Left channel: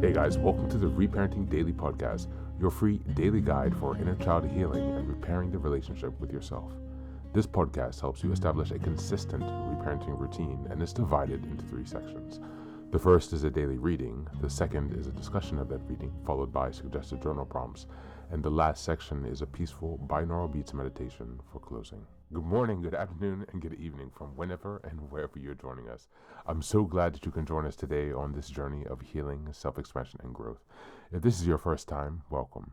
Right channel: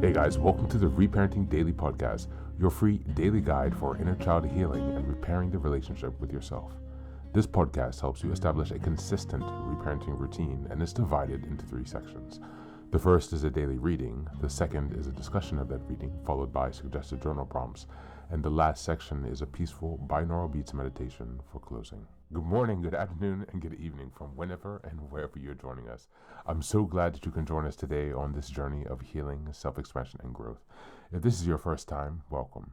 Hey guys, welcome to the Reparenting Daily podcast, your free daily guide for inner child healing and repairing the relationship with yourself. This podcast helps you establish a consistent reparenting routine and is divided into 3 sections. The first is a daily reading, the second is a discussion of that reading, followed by suggested journal prompts, and the last section is a peaceful binaural beats meditation for closing. Good morning, good afternoon, and good evening from whenever and wherever you're joining us. I'm so glad that you can join us today on this journey of healing, self-expansion, and growth. If this is your first time, welcome.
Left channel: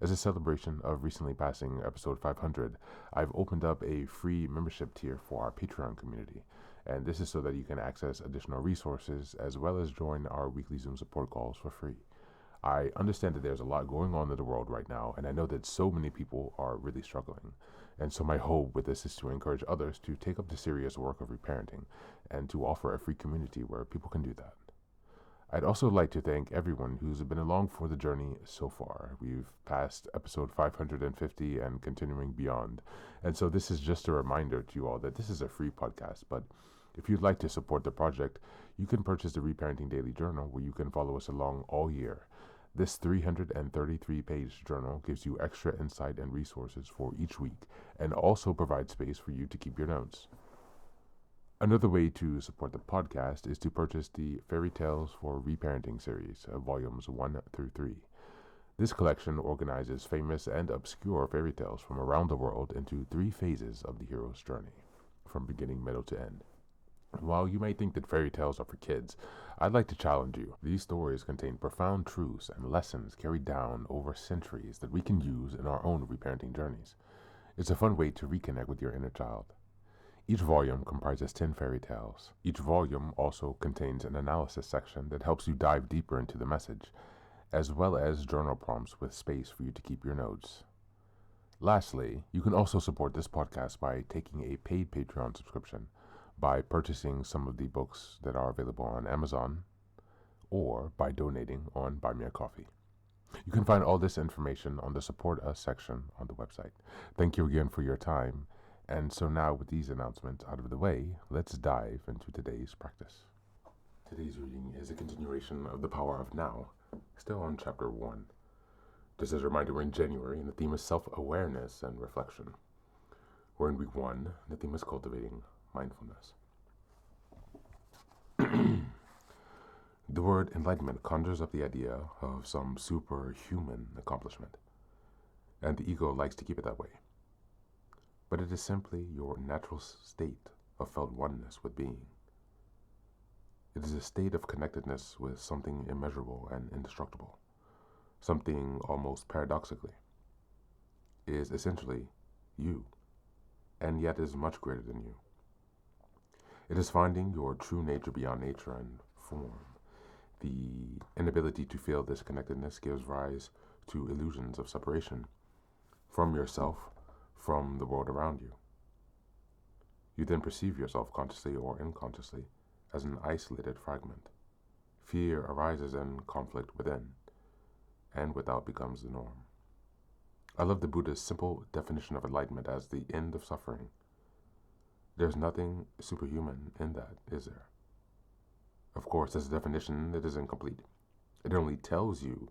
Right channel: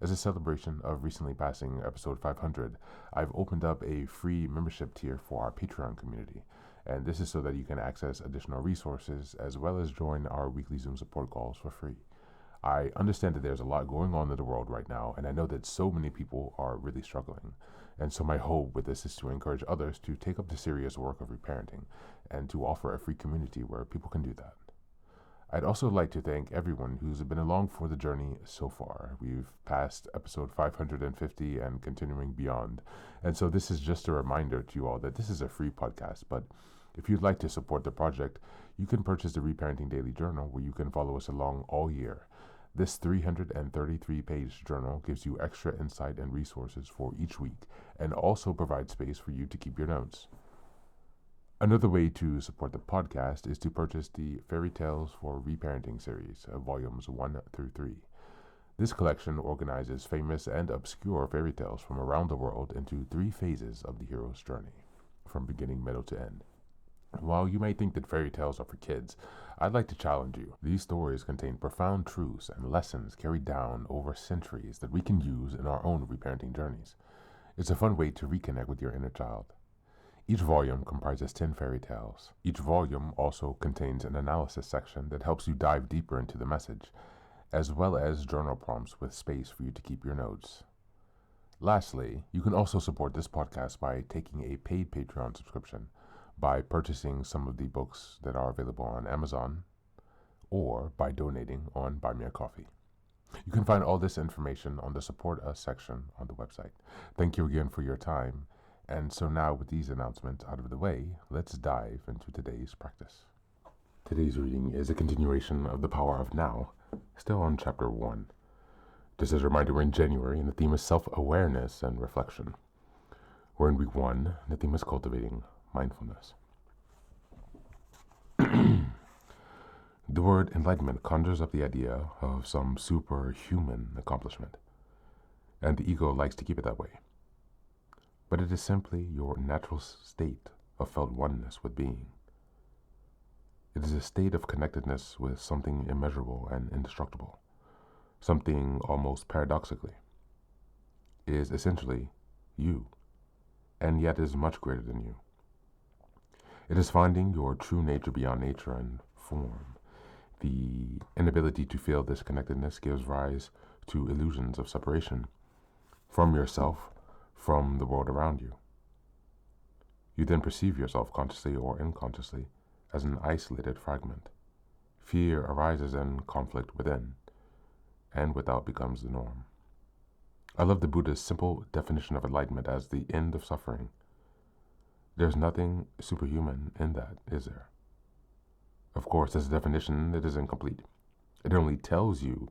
As a celebration of recently passing episode 500, I've opened up a free membership tier for our Patreon community. And this is so that you can access additional resources as well as join our weekly Zoom support calls for free. I understand that there's a lot going on in the world right now, and I know that so many people are really struggling. And so my hope with this is to encourage others to take up the serious work of reparenting and to offer a free community where people can do that. I'd also like to thank everyone who's been along for the journey so far. We've passed episode 550 and continuing beyond. And so this is just a reminder to you all that this is a free podcast, but if you'd like to support the project, you can purchase the Reparenting Daily Journal where you can follow us along all year. This 333-page journal gives you extra insight and resources for each week and also provides space for you to keep your notes. Another way to support the podcast is to purchase the Fairy Tales for Reparenting series, volumes 1 through 3. This collection organizes famous and obscure fairy tales from around the world into 3 phases of the hero's journey, from beginning, middle to end. While you may think that fairy tales are for kids, I'd like to challenge you. These stories contain profound truths and lessons carried down over centuries that we can use in our own reparenting journeys. It's a fun way to reconnect with your inner child. Each volume comprises 10 fairy tales. Each volume also contains an analysis section that helps you dive deeper into the message, as well as journal prompts with space for you to keep your notes. Lastly, you can also support this podcast by taking a paid Patreon subscription, by purchasing some of the books that are available on Amazon, or by donating on Buy Me a Coffee. You can find all this information on the Support Us section on the website. Thank you again for your time. And so now with these announcements out of the way, let's dive into today's practice. Today's reading is a continuation of The Power of Now, still on chapter 1. Just as a reminder, we're in January and the theme is self-awareness and reflection. We're in week 1, the theme is Cultivating Mindfulness. The word enlightenment conjures up the idea of some superhuman accomplishment, and the ego likes to keep it that way. But it is simply your natural state of felt oneness with being. It is a state of connectedness with something immeasurable and indestructible, something almost paradoxically is essentially you, and yet is much greater than you. It is finding your true nature beyond nature and form. The inability to feel this connectedness gives rise to illusions of separation from yourself, from the world around you. You then perceive yourself consciously or unconsciously as an isolated fragment. Fear arises and conflict within, and without becomes the norm. I love the Buddha's simple definition of enlightenment as the end of suffering. There's nothing superhuman in that, is there? Of course, as a definition, it is incomplete. It only tells you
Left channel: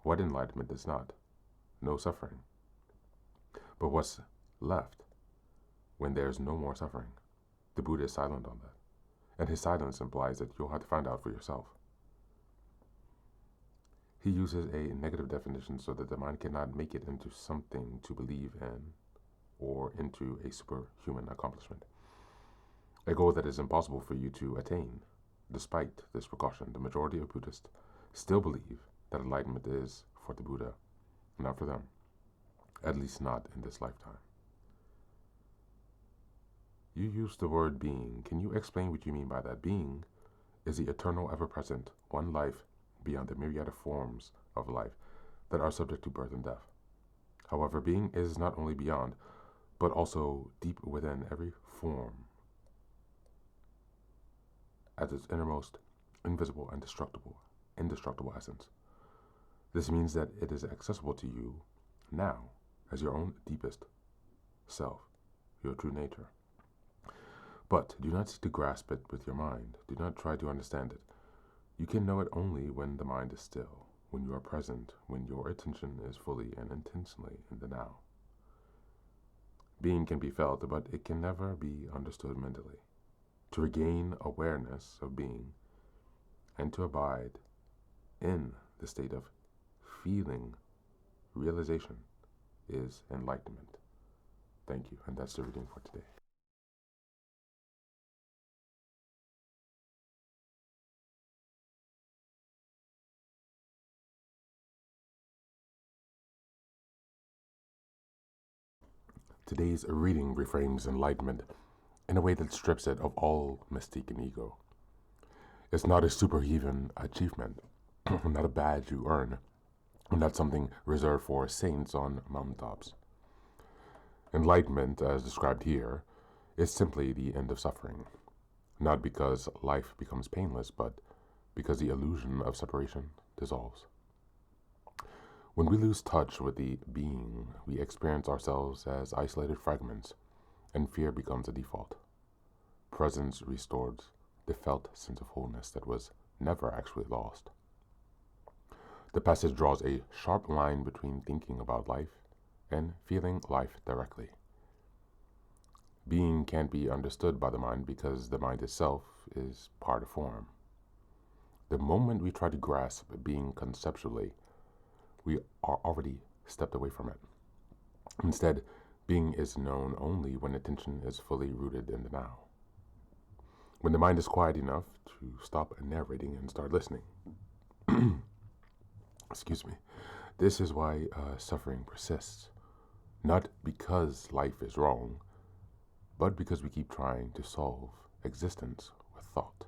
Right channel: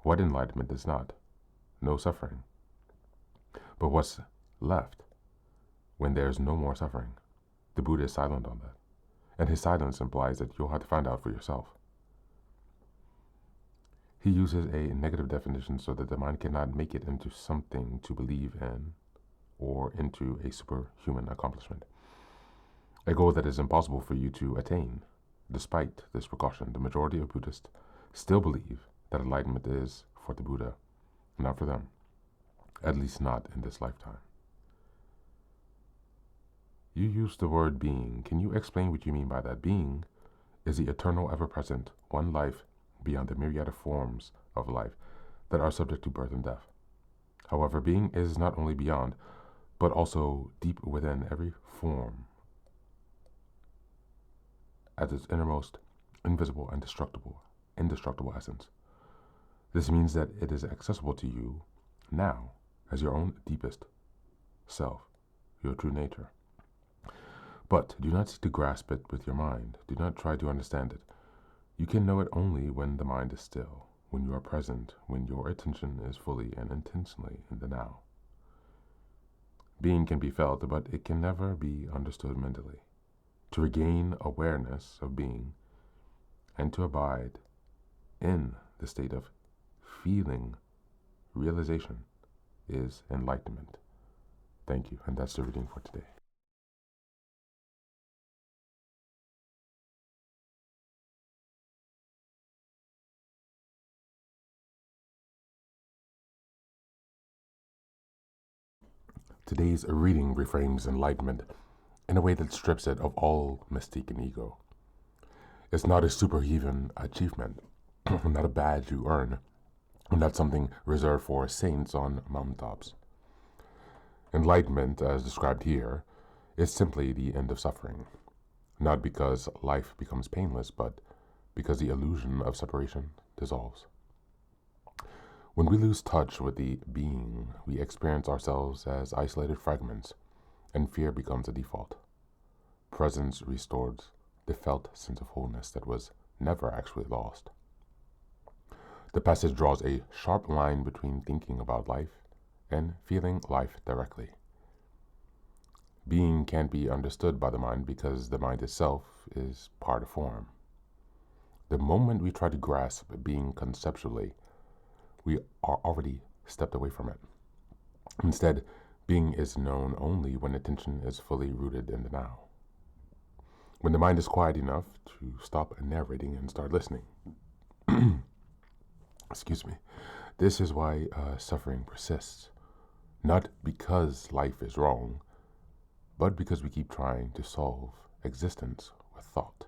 what enlightenment is not. No suffering. But what's left when there's no more suffering? The Buddha is silent on that. And his silence implies that you'll have to find out for yourself. He uses a negative definition so that the mind cannot make it into something to believe in or into a superhuman accomplishment. A goal that is impossible for you to attain. Despite this precaution, the majority of Buddhists still believe that enlightenment is for the Buddha, not for them, at least not in this lifetime. You use the word being. Can you explain what you mean by that? Being is the eternal, ever-present, one life beyond the myriad of forms of life that are subject to birth and death. However, being is not only beyond, but also deep within every form at its innermost, invisible and indestructible essence. This means that it is accessible to you now as your own deepest self, your true nature. But do not seek to grasp it with your mind. Do not try to understand it. You can know it only when the mind is still, when you are present, when your attention is fully and intentionally in the now. Being can be felt, but it can never be understood mentally. To regain awareness of being and to abide in the state of feeling realization is enlightenment. Thank you, and that's the reading for today. Today's reading reframes enlightenment in a way that strips it of all mystique and ego. It's not a superhuman achievement, not a badge you earn, not something reserved for saints on mountaintops. Enlightenment, as described here, is simply the end of suffering, not because life becomes painless, but because the illusion of separation dissolves. When we lose touch with the being, we experience ourselves as isolated fragments, and fear becomes a default. Presence restores the felt sense of wholeness that was never actually lost. The passage draws a sharp line between thinking about life and feeling life directly. Being can't be understood by the mind because the mind itself is part of form. The moment we try to grasp being conceptually, we are already stepped away from it. Instead, being is known only when attention is fully rooted in the now. When the mind is quiet enough to stop narrating and start listening. Excuse me. This is why suffering persists. Not because life is wrong, but because we keep trying to solve existence with thought.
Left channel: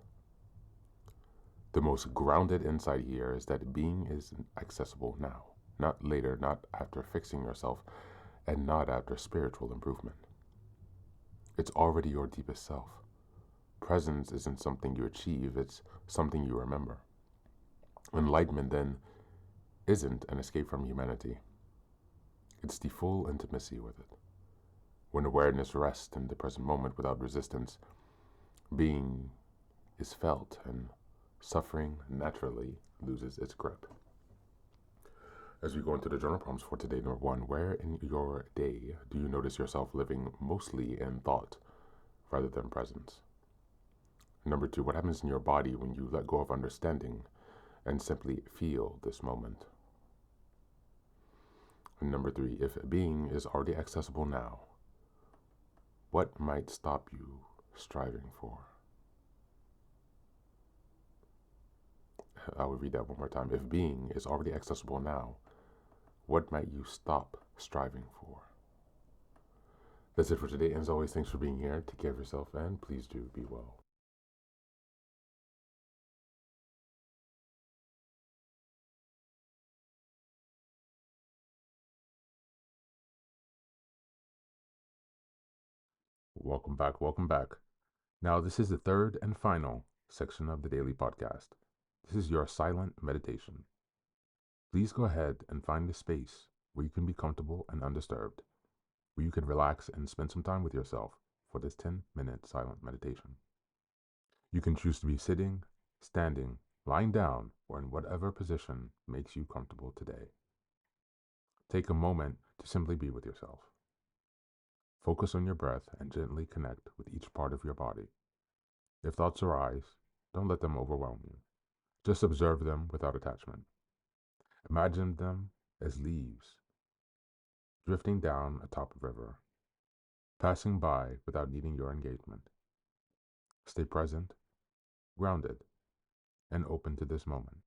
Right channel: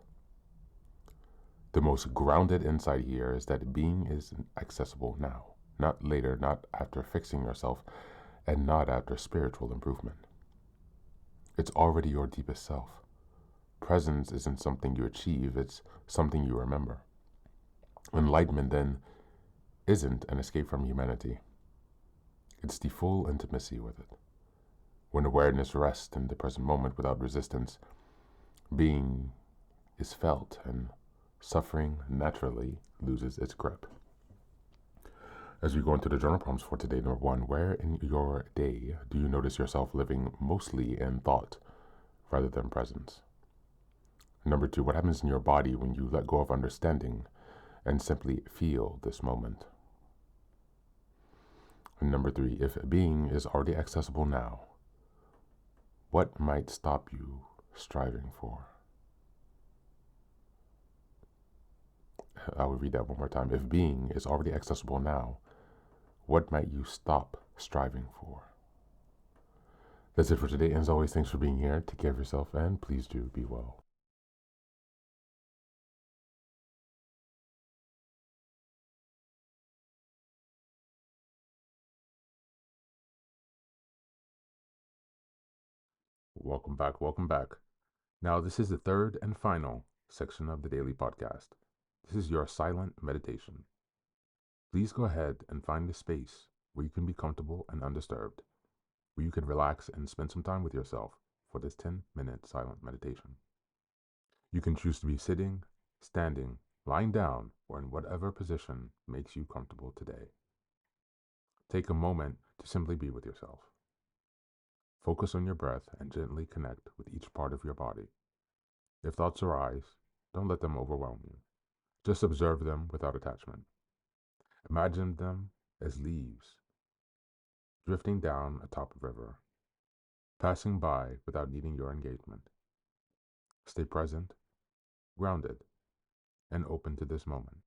The most grounded insight here is that being is accessible now, not later, not after fixing yourself, and not after spiritual improvement. It's already your deepest self. Presence isn't something you achieve, it's something you remember. Enlightenment, then, isn't an escape from humanity. It's the full intimacy with it. When awareness rests in the present moment without resistance, being is felt and suffering naturally loses its grip. As we go into the journal prompts for today, number 1, where in your day do you notice yourself living mostly in thought rather than presence? Number 2, what happens in your body when you let go of understanding and simply feel this moment? And number 3, if being is already accessible now, what might stop you striving for? I will read that one more time. If being is already accessible now, what might you stop striving for? That's it for today. And as always, thanks for being here. Take care of yourself, and please do be well. Welcome back. Welcome back. Now, this is the third and final section of the daily podcast. This is your silent meditation. Please go ahead and find a space where you can be comfortable and undisturbed, where you can relax and spend some time with yourself for this 10-minute silent meditation. You can choose to be sitting, standing, lying down, or in whatever position makes you comfortable today. Take a moment to simply be with yourself. Focus on your breath and gently connect with each part of your body. If thoughts arise, don't let them overwhelm you. Just observe them without attachment. Imagine them as leaves drifting down atop a river, passing by without needing your engagement. Stay present, grounded, and open to this moment.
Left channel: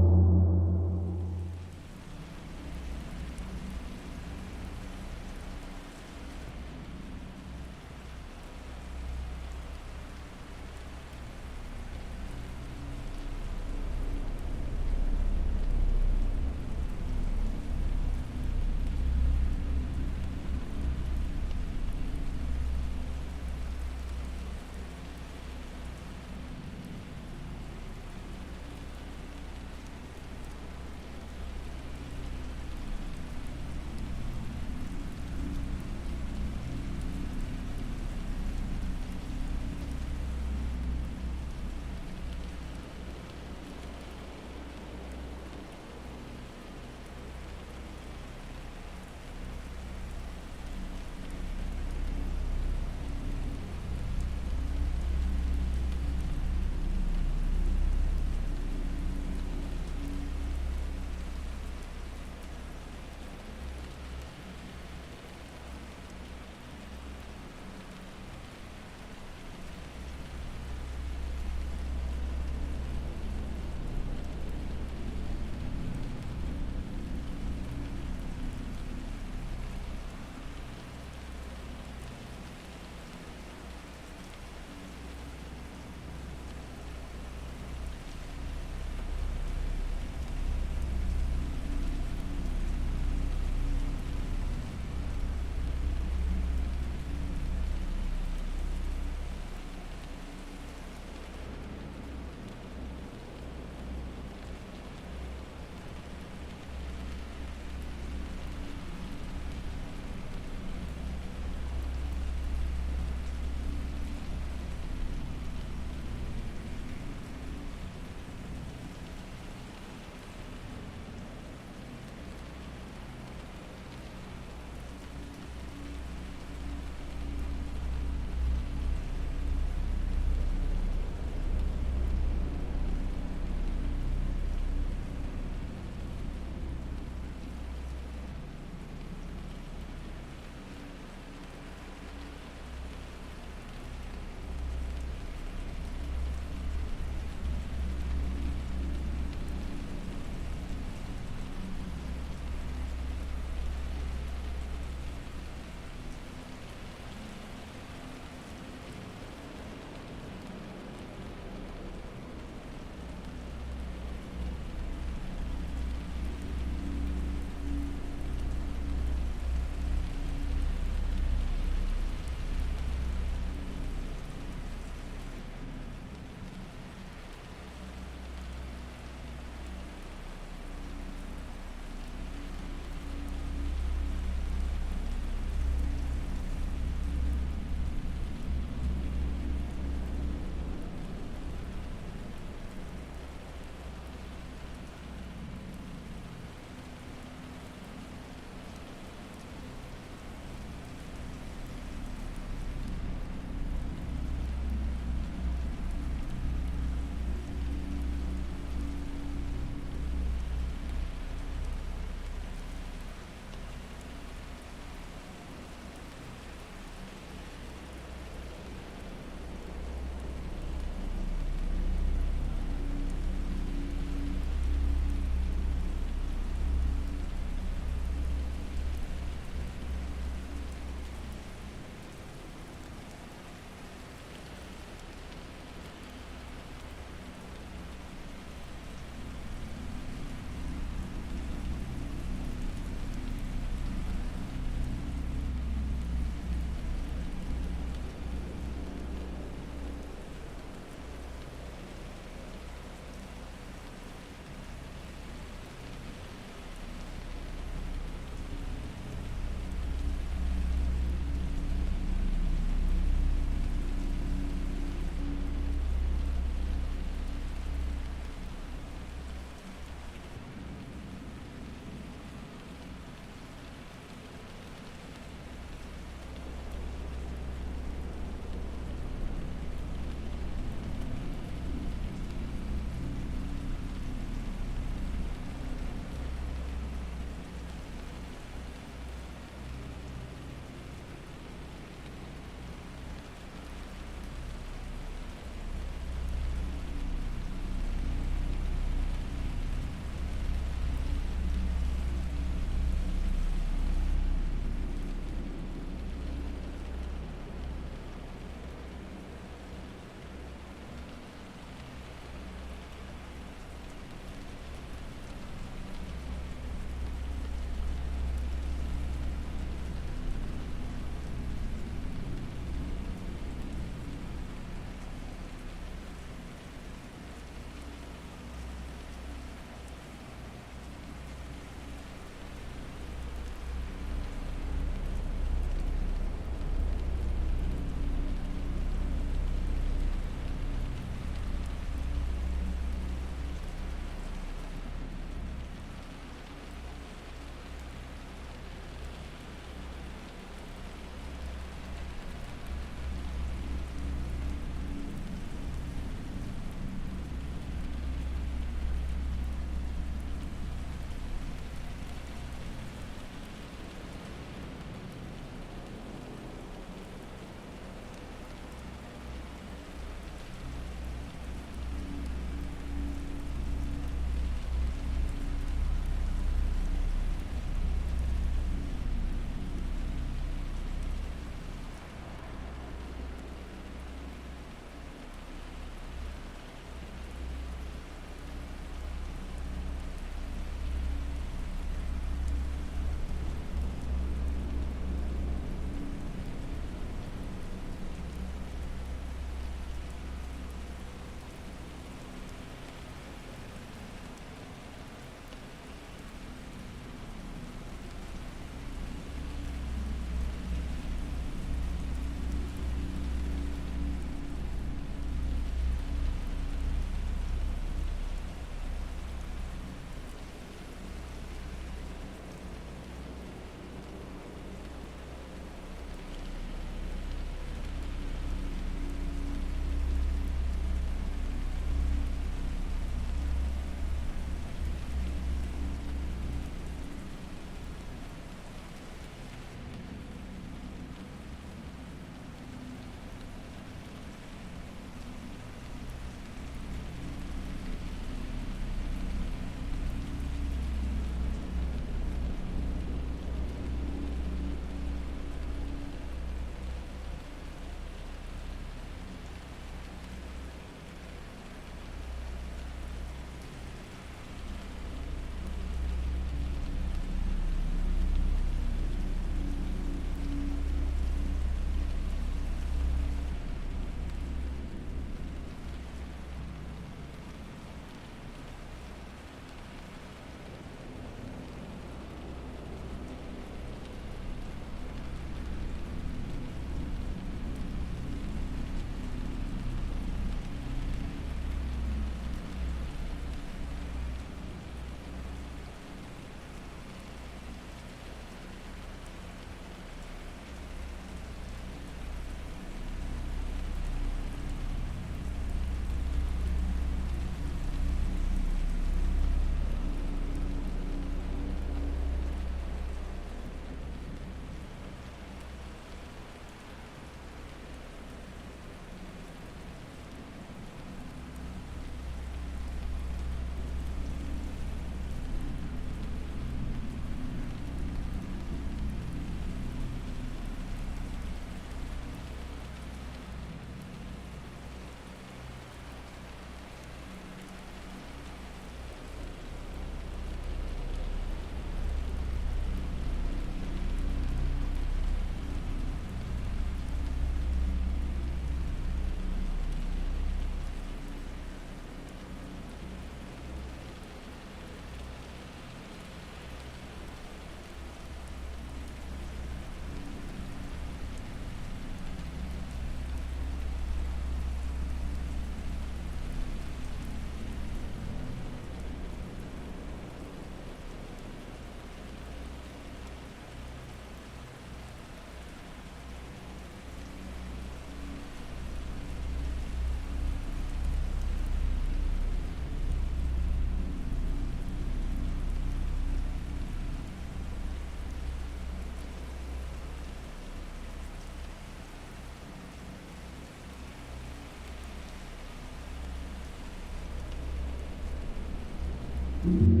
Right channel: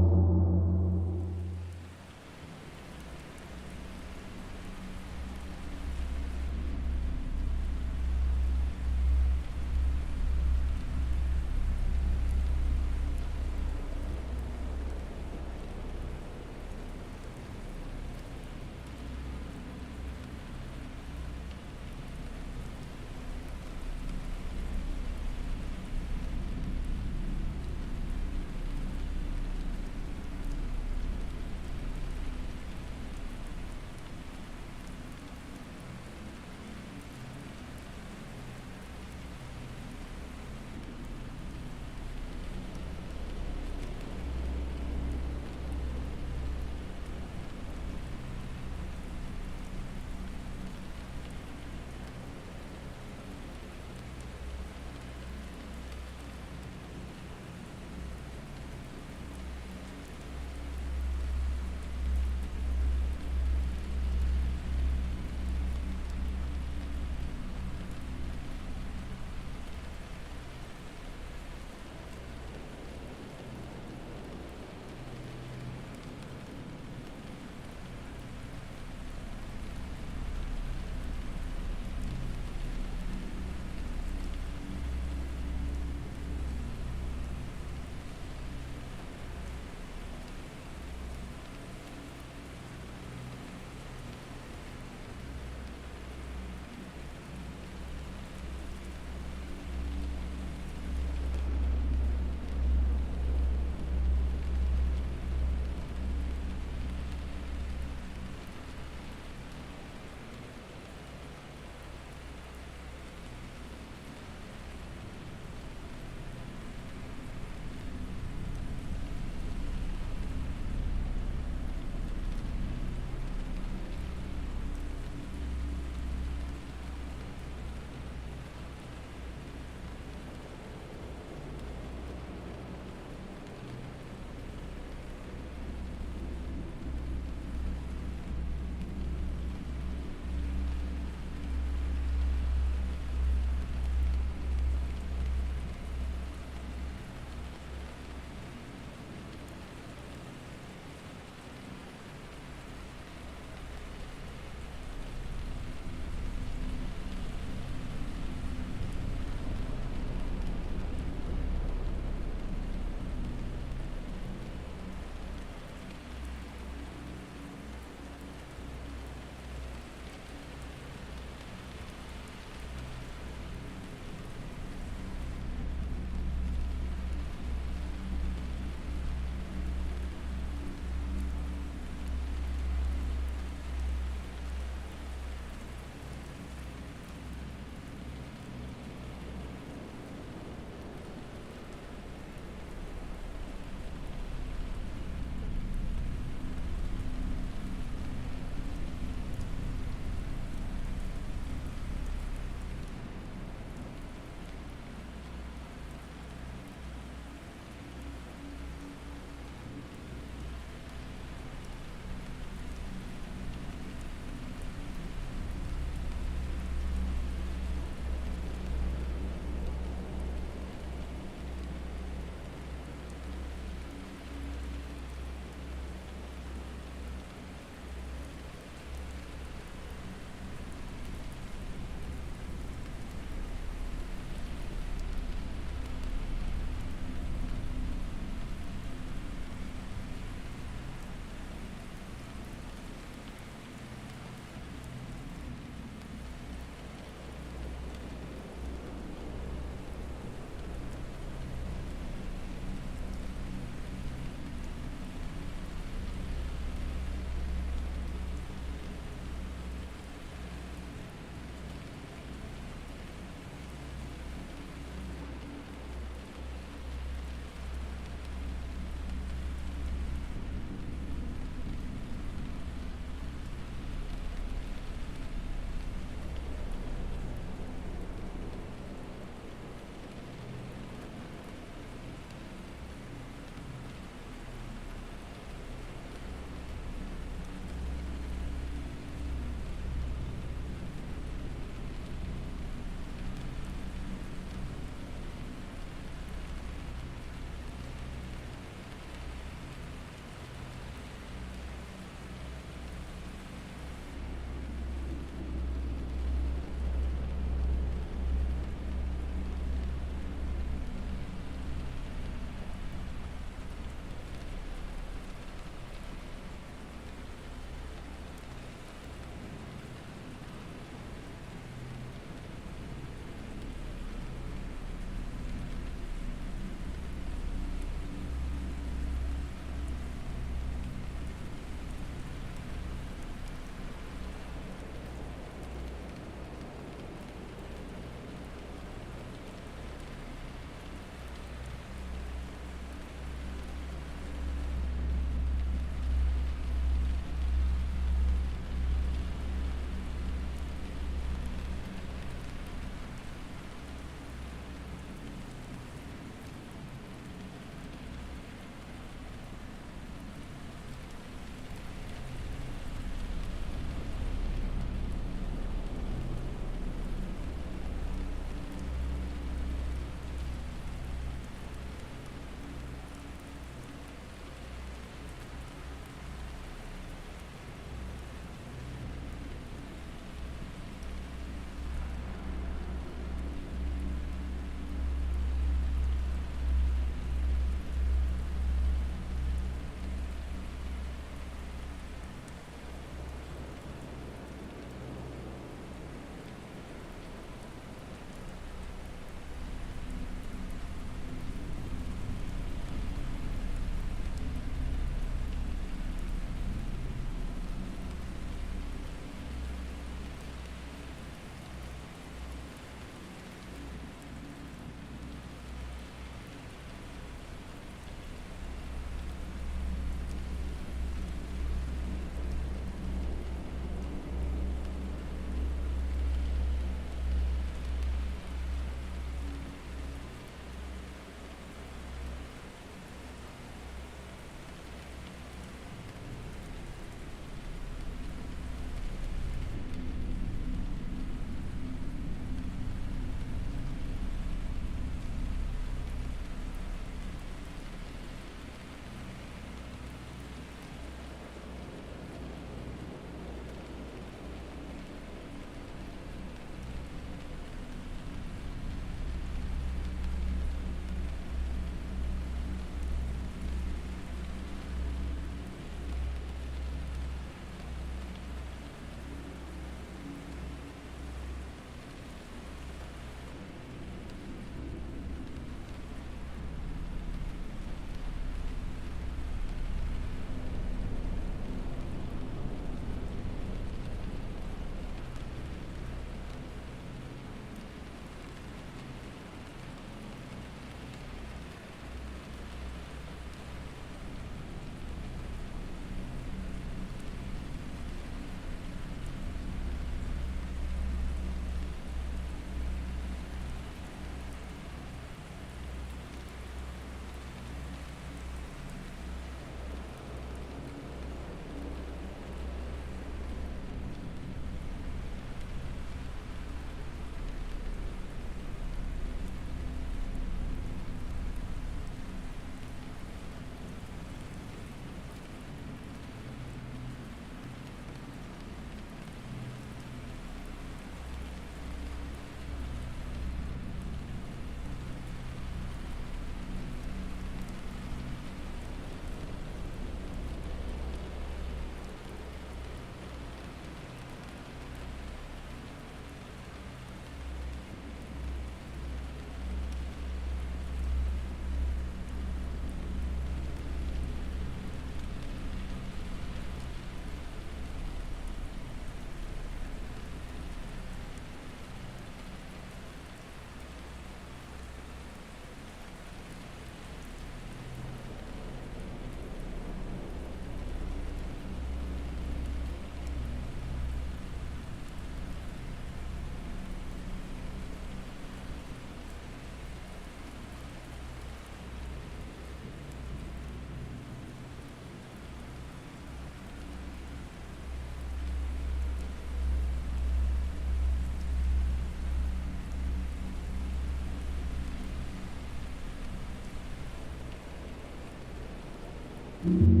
you.